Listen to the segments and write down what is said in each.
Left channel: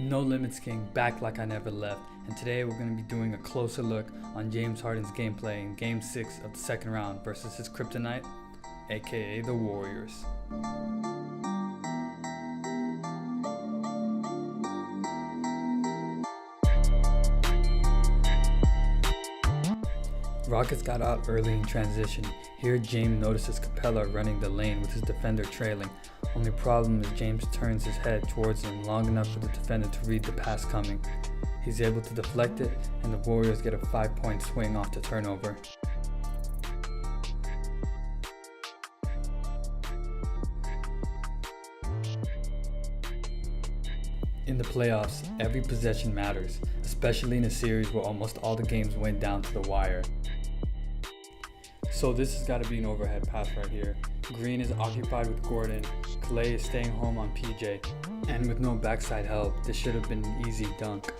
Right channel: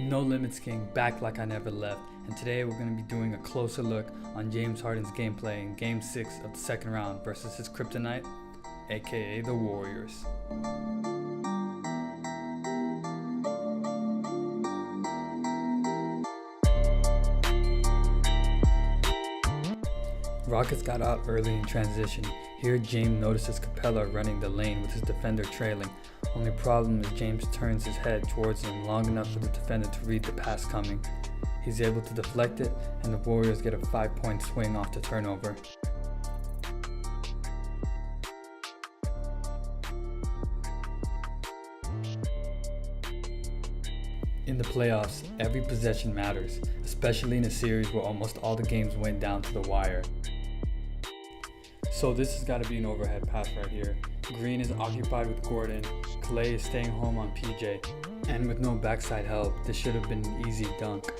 No Limits King, back like I never left, and today we're going to be doing a closer look on James Harden's gameplay in Game 6 of the second round versus his kryptonite, aka the Warriors. Rockets got out early in transition. Here James notices Capella running the lane with his defender trailing. Only problem is James turns his head towards him long enough for the defender to read the pass coming. He's able to deflect it, and the Warriors get a 5-point swing off the turnover. In the playoffs, every possession matters, especially in a series where almost all the games went down to the wire. So this has got to be an overhead pass right here. Green is occupied with Gordon, Clay is staying home on PJ, and with no backside help, this should have been an easy dunk.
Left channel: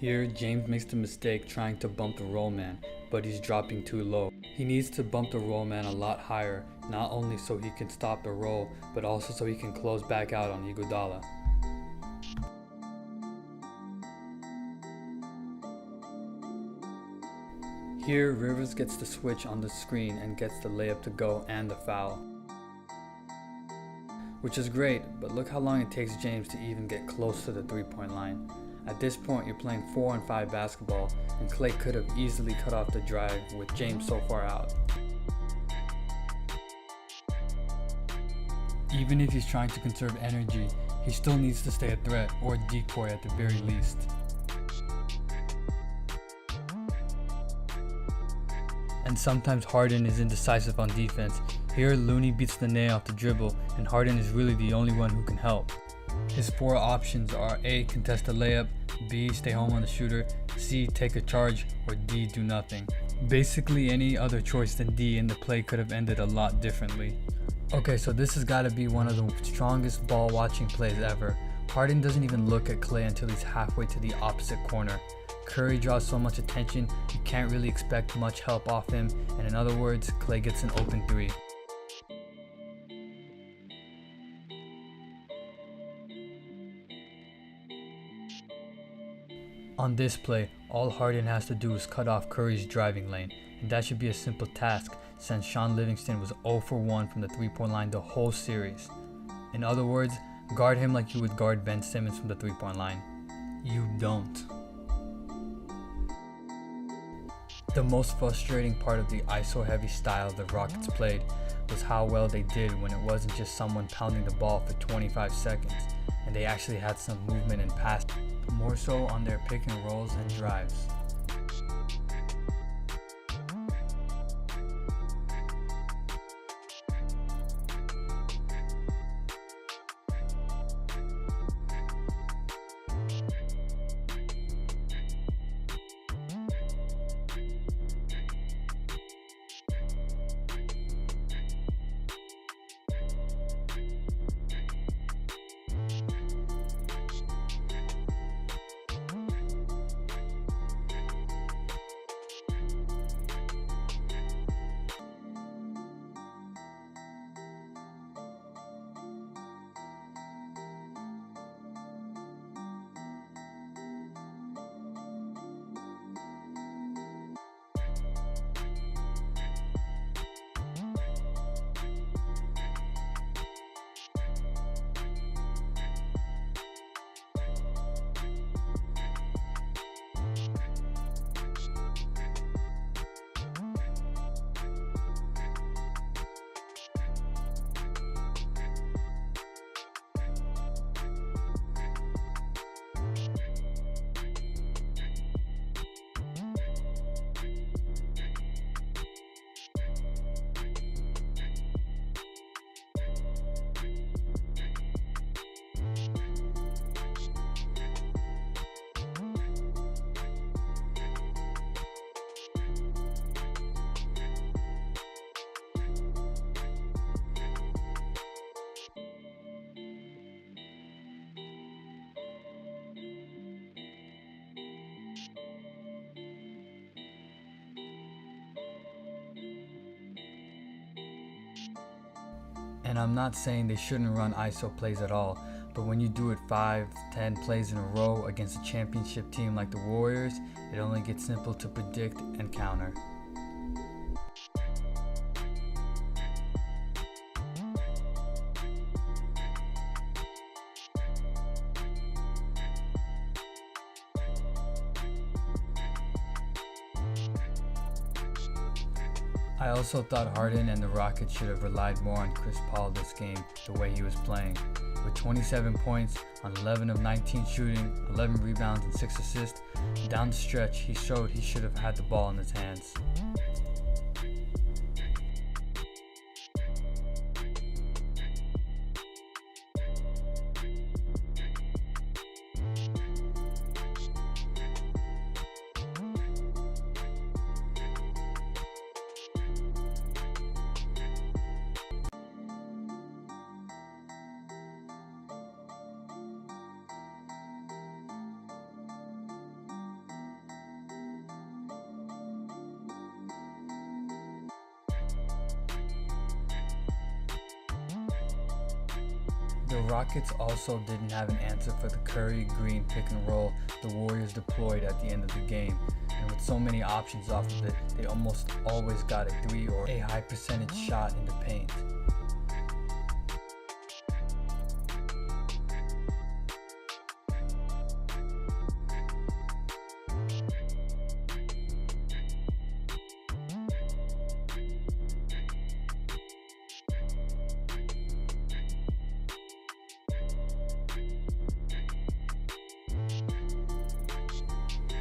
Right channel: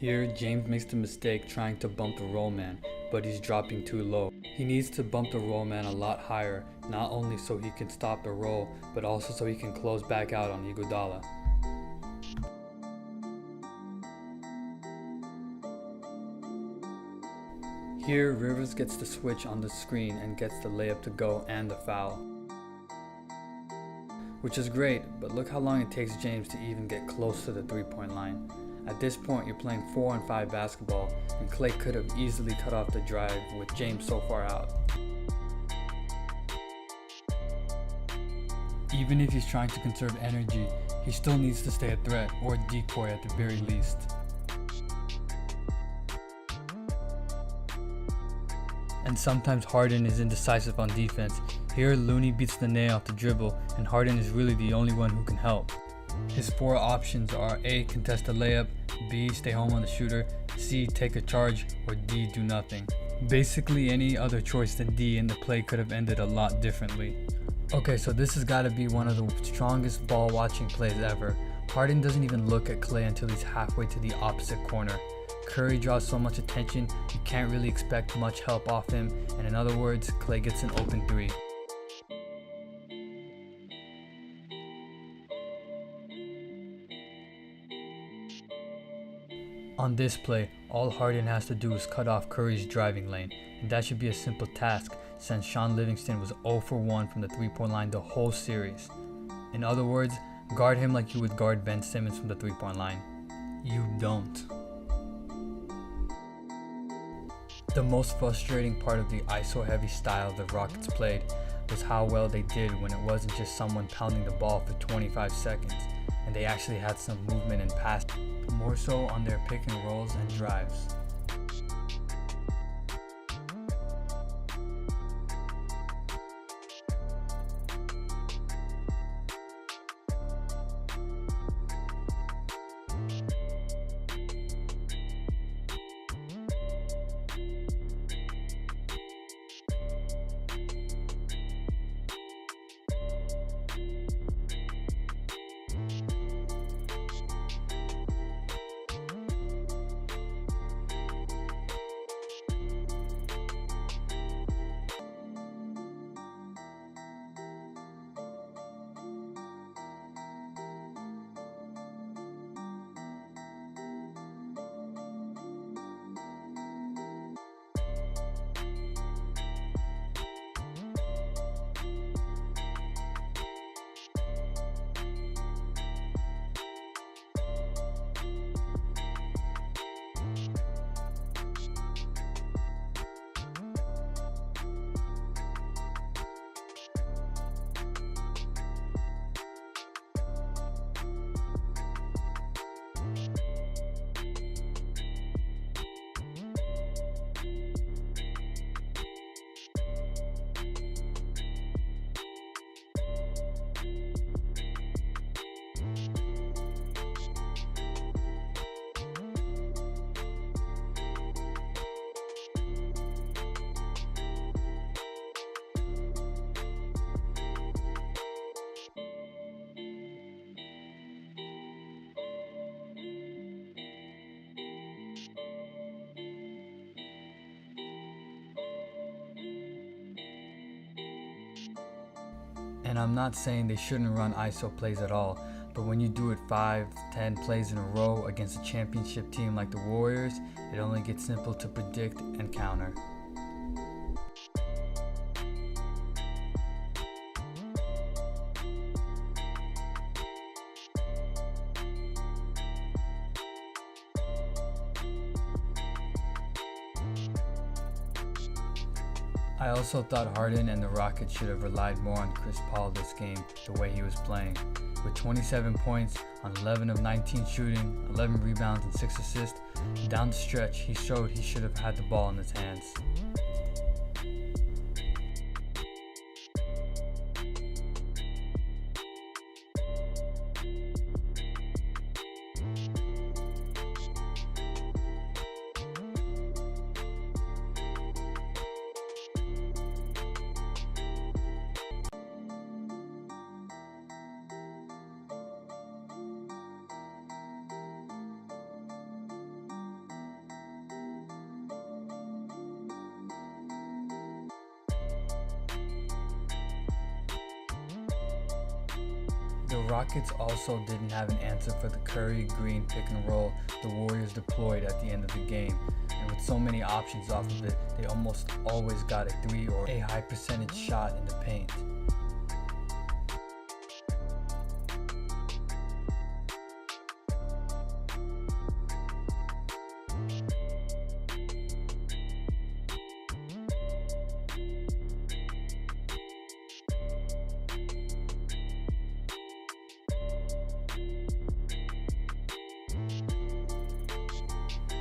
Here, James makes the mistake trying to bump the roll man, but he's dropping too low. He needs to bump the roll man a lot higher, not only so he can stop the roll, but also so he can close back out on Iguodala. Here, Rivers gets the switch on the screen and gets the layup to go and the foul. Which is great, but look how long it takes James to even get close to the three-point line. At this point, you're playing 4-on-5 basketball, and Clay could have easily cut off the drive with James so far out. Even if he's trying to conserve energy, he still needs to stay a threat or a decoy at the very least. And sometimes Harden is indecisive on defense. Here, Looney beats the nail off the dribble, and Harden is really the only one who can help. His four options are A. Contest a layup, B. Stay home on the shooter, C. Take a charge, or D. Do nothing. Basically any other choice than D, and the play could have ended a lot differently. Okay, so this has got to be one of the strongest ball watching plays ever. Harden doesn't even look at Clay until he's halfway to the opposite corner. Curry draws so much attention, you can't really expect much help off him, and in other words, Clay gets an open three. On this play, all Harden has to do is cut off Curry's driving lane, and that should be a simple task since Shaun Livingston was 0 for 1 from the three-point line the whole series. In other words, guard him like you would guard Ben Simmons from the three-point line. You don't. The most frustrating part of the ISO-heavy style the Rockets played was how well they did when it wasn't just someone pounding the ball for 25 seconds, and they actually had some movement and pass, more so on their pick and rolls and drives. And I'm not saying they shouldn't run ISO plays at all, but when you do it 5-10 plays in a row against a championship team like the Warriors, it only gets simple to predict and counter. I also thought Harden and the Rockets should have relied more on Chris Paul this game the way he was playing. With 27 points on 11 of 19 shooting, 11 rebounds and 6 assists, down the stretch he showed he should have had the ball in his hands. The Rockets also didn't have an answer for the Curry-Green pick and roll the Warriors deployed at the end of the game, and with so many options off of it, they almost always got a 3 or a high percentage shot in the paint.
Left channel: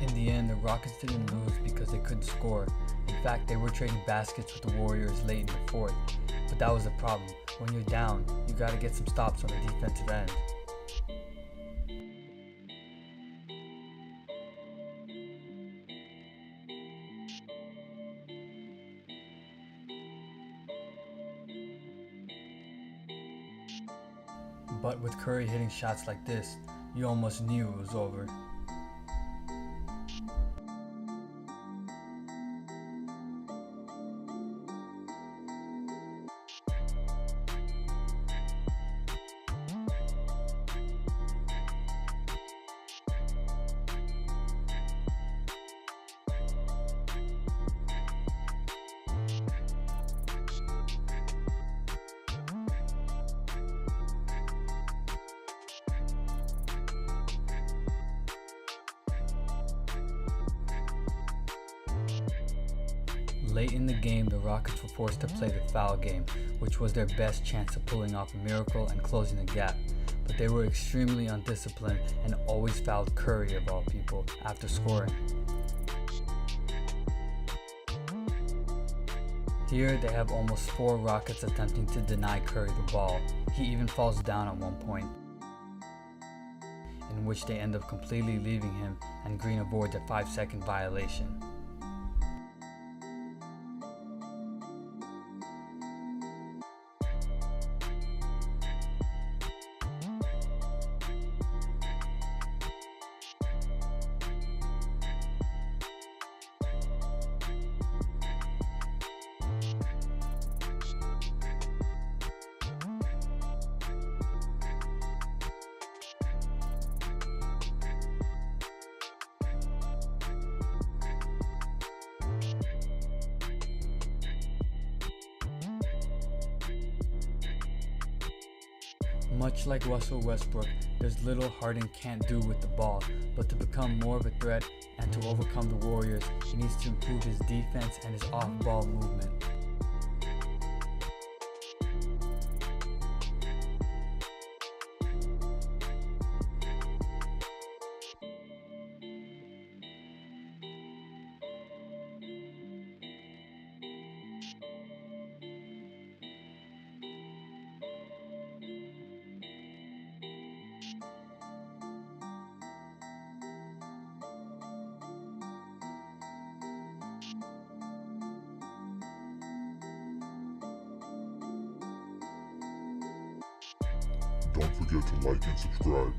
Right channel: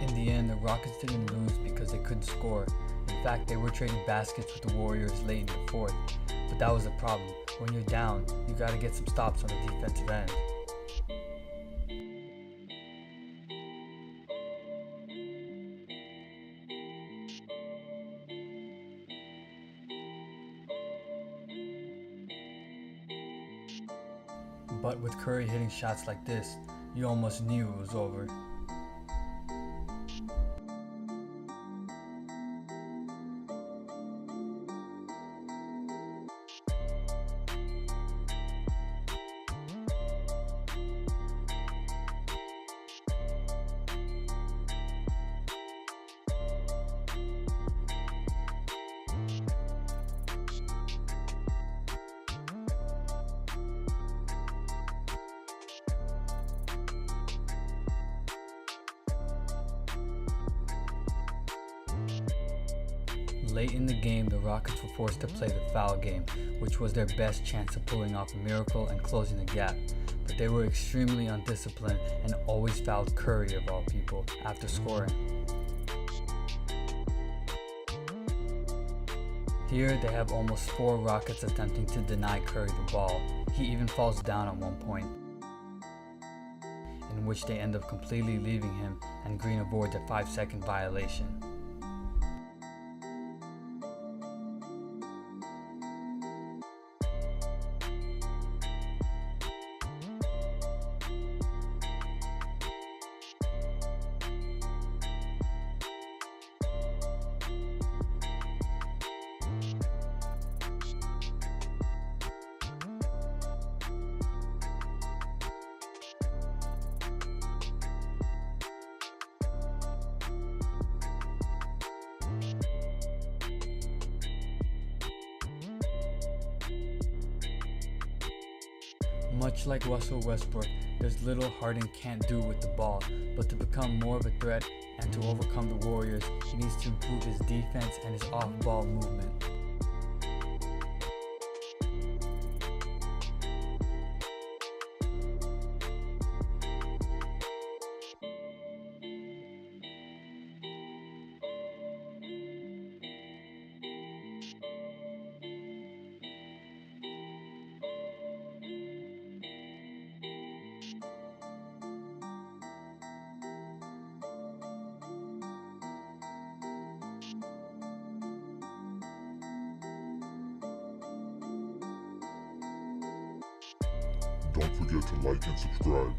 In the end, the Rockets didn't lose because they couldn't score. In fact, they were trading baskets with the Warriors late in the fourth. But that was the problem. When you're down, you gotta get some stops on the defensive end. But with Curry hitting shots like this, you almost knew it was over. Late in the game, the Rockets were forced to play the foul game, which was their best chance of pulling off a miracle and closing the gap. But they were extremely undisciplined and always fouled Curry, of all people, after scoring. Here, they have almost 4 Rockets attempting to deny Curry the ball. He even falls down at one point, in which they end up completely leaving him, and Green avoids a 5-second violation. Much like Russell Westbrook, there's little Harden can't do with the ball, but to become more of a threat and to overcome the Warriors, he needs to improve his defense and his off-ball movement. Don't forget to like and subscribe.